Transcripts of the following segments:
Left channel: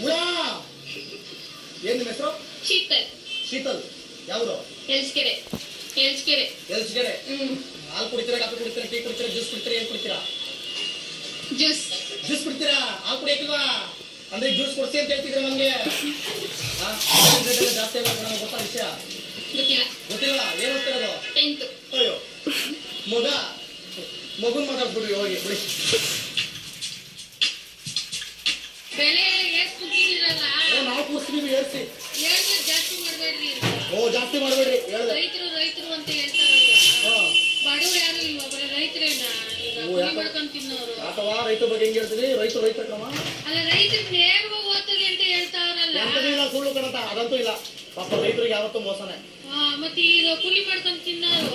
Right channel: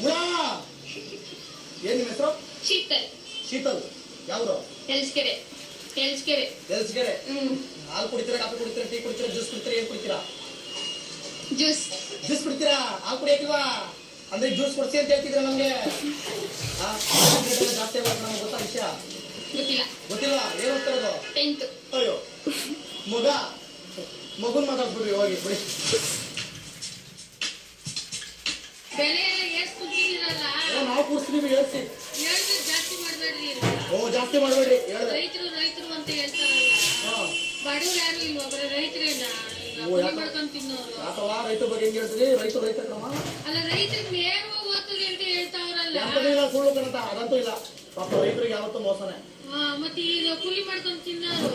ಹುಳ ಏನ್ ನಿಮ್ಮ ಹೆಸರು? ಶೀತಲ್. ಶೀತಲ್. ಯಾವ್ದು? ಎಲ್ಸ್ಕೆರೆ. ಎಲ್ಸ್ಕೆರೆ. ಎಲ್ಸ್ಕೆರೆ. ಹಾಲು ಕುಡಿತೀರಾ, ಕಾಫಿ ಕುಡಿತೀರಾ, ಟೀ ಕುಡಿತೀರಾ, ಜ್ಯೂಸ್ ಕುಡಿತೀರಾ, ಏನ್ ಕುಡಿತೀರಾ? ಜ್ಯೂಸ್. ಜ್ಯೂಸ್ ಕುಡಿತೀರಾ? ಹಾಲು ಕುಡಿಯಕ್ಕಿಲ್ವಾ? ಅಂದ್ರೆ ಜ್ಯೂಸ್ ಕೊಡ್ಸಿ ಅಂತ ಹೇಳ್ತಿದ್ರ ನಮ್ಗೆ. ಜಾಸ್ತಿ ಆಗ ನಮ್ಗೆ ಗೊತ್ತಾ ವಿಷಯ? ಗೊತ್ತಿಲ್ಲ. ಗೊತ್ತಿಲ್ಲ. ಏನ್ ಓದ್ತಿರೋದು? 10th. ಅಯ್ಯೋ ಮಗುನ್ ಮಾತಾಡ್ಬಿಡ್ರಿ ಹೋಗಿ ಬಿಡಿ. ಬೆಲೆ ಏರ್ಸ್ತಿರಲ್ಲ. ನಾವು ಕೂರ್ಸ್ತೀವಿ ಏರ್ಸಿ. ಹೇಳ್ಬೇಕು ಜಾಸ್ತಿ ಮಾಡ್ಬೇಡ್ರಿ. ಜಾಸ್ತಿ ಮಾಡ್ಬೇಡ್ರಿ. ರೈತರು ಅಂತ ಹೇಳ್ತಾರಲ್ಲ. ಬಡವ್ರು ಯಾರು ಇಲ್ವಾ? ಬರೀ ರೈತರೇನ ಈಗ ಕುರಿ ಮಾಡ್ಕೊಂಡ್ ತಿನ್ನೋರು. ಅಥವಾ ರೈತರ ಬಗ್ಗೆ ಹೆಂಗ್ ಹೇಳ್ತೀವಿ? ರೈತ ಕ್ರಮ ಅಲ್ಲ, ರೈತರು ನೇರವಾಗಿ ಓದ್ತದೆ ಅಂತ ಹೇಳ್ತಾವ್ರಲ್ಲ. ಸುಳ್ಳು ಕಣತ, ಅದಂತೂ ಇಲ್ಲ. ಪಾಪ ರೈತರಿಗೆ ಯಾವತ್ತೂ ಮೋಸನೆ. ಮತ್ತೆ ಈಗ ಕೂಲಿ ಮಾಡ್ಕೊಂಡ್ ತಿನ್ನೋರು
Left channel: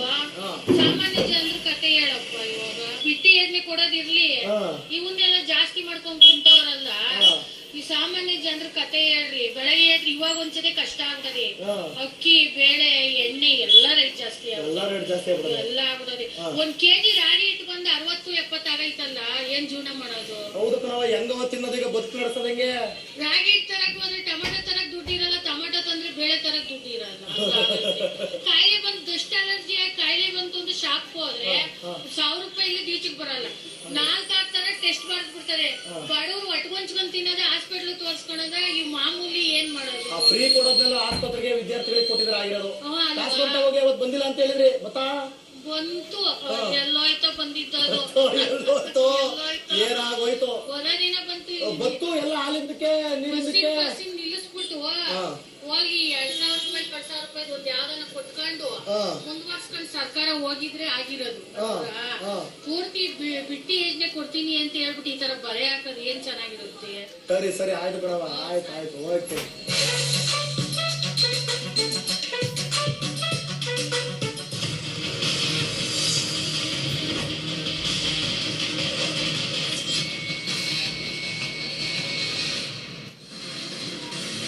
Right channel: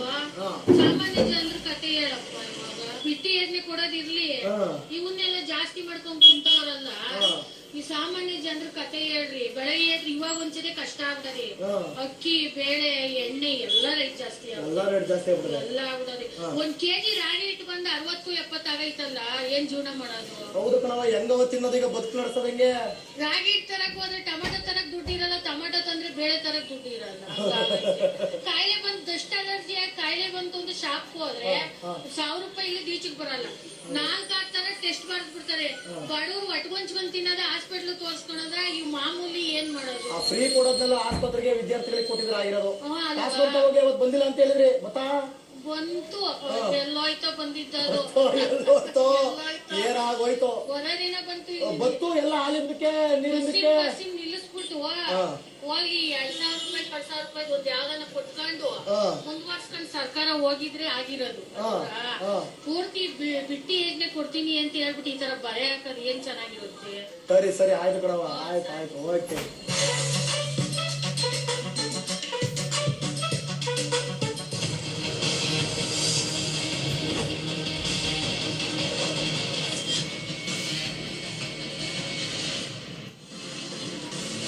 ಸಾಮಾನ್ಯ ಜನರು ಕತೆ ಹೇಳಪ್ಪ. ಇವಾಗ ಬಿಟ್ಟಿ ಎಣ್ಣೆ ಕೊಡೋದಿರ್ಲಿ, ಇವನ್ನೆಲ್ಲ ಜಾಸ್ತಿ ಮಾಡ್ಕೊಂಡ್ ಕುಂತವ್ರಲ್ಲ. ಈ ಸಾಮಾನ್ಯ ಜನರ ಕತೆ ಹೇಳ್ರಿ. ಬೆಳಗ್ಗೆ ಇವಾಗ ಒಂದ್ಸತಿ ಕಷ್ಟ ಆಗ್ತದೆ. ಅಕ್ಕಿ, ಬೇಳೆ, ಎಣ್ಣೆ ಎಲ್ಲ ರೇಟ್ ಜಾಸ್ತಿ ಎಲ್ಲ ಆಗ್ಬಿಡೋದು. 1 kg ರಾಗಿ ಇಟ್ಟು ಬಂದು 60-70 ಆಗೈತಲ್ಲ, ಏನ್ ಜೀವನ ಮಾಡೋದು? ಹೌದು ಕಣವ, ಹೆಂಗವ ತಿನ್ನೋದು ಈಗ ಬದುಕು ನಡೆಸೋದಂಗೆ. ರಾಗಿ ಇಟ್ಟು ತರಕ್ ಹೋದ್ರೆ ಟೊಮೆಟೊ ತರಕ್ ದುಡ್ಡು ಇರಲ್ಲ, ಟೊಮೆಟೊ ತಂದ್ರೆ ಬೇಳೆ ತರಕ್ ದುಡ್ಡು ಇರಲ್ಲ. ಕಾಯಿಲೆ ಬಂದು ಡಸ್ಟ್ ಅಲರ್ಜಿ ಆಗಿ ಕಾಯಿಲೆ ಬಂತು ಅಂತ ಶಾಪ್ ಹೋದ್ರೆ 1000 ರೂಪಾಯಿ ಇಲ್ಲಿ ಈಚೆಗೆ ಬರಲ್ಲ. 4-6 ತರ ಟೆಸ್ಟ್ ಬರ್ದ್ ಬಿಡ್ತಾರೆ. ಬಡವ್ರು ಒಟ್ಕೊಂಚ್ಕೊಂಡ್ ತಿನ್ನೋದ, ಹಾಸ್ಪಿಟ್ಲ್ ತೋರ್ಸ್ಕೊಳೋದ, ಈ ಮಾಮೂಲಿ ಏನ್ ಮಾಡೋದು? ಫ್ರೀ ಕೊಡೋದ್ನೆಲ್ಲ ಆಸ್ಪತ್ರೆಗೆ ವಿದ್ಯಾರ್ಥಿಗಳಿಗೆ ಕೊಟ್ಟಿದ್ರೆ ಆಗಿರೋದು. ಹೋಗಿ ಅವತ್ತು ಬಂದಿಲ್ಲ ಅಂತ ಹೇಳಿದ್ರಿ, ಗೊತ್ತಾ? ಬಂತು, ಎಲ್ಲೋಯ್ತೋ ಬಂದಿದ್ದದು. ಏನಾಗೋಯ್ತು? ಒಂದೇ ದಿನ ಬಂತು ಎಲ್ಲ ಹಾಲಿದ್ದಕ್ಕೆ ನಿಲ್ಲಿಸ್ಬಿಟ್ಟು ಹೋಗಿ 2,000 ರೂಪಾಯಿ 1,000 ರೂಪಾಯಿ ಒಂದು ಯಾವ್ದನ್ನ ಕೊಟ್ಕೊಂಡು ಮುಂದುವರ್ಸ್ಕೊಂಡು ಸರ್ಕಾರ ಹೋಗಿದ್ರೆ ಆಗಿರೋದು. ಪೂರ್ತಿ ಬಿಟ್ಟಿ ಯೋಜನೆ ಕೊಡ್ತೀನಿ ಅಂತ ಹೇಳ್ಬಿಟ್ಟು ಈ ತರ ಬರೆ ಹಾಕೋದು ಏನ್ ಚೆನ್ನಾಗಿರುತ್ತೆ? ಸರಿ ಆಯ್ತು ಬಿಡವ, ಆಯ್ತು ಓಕೆ.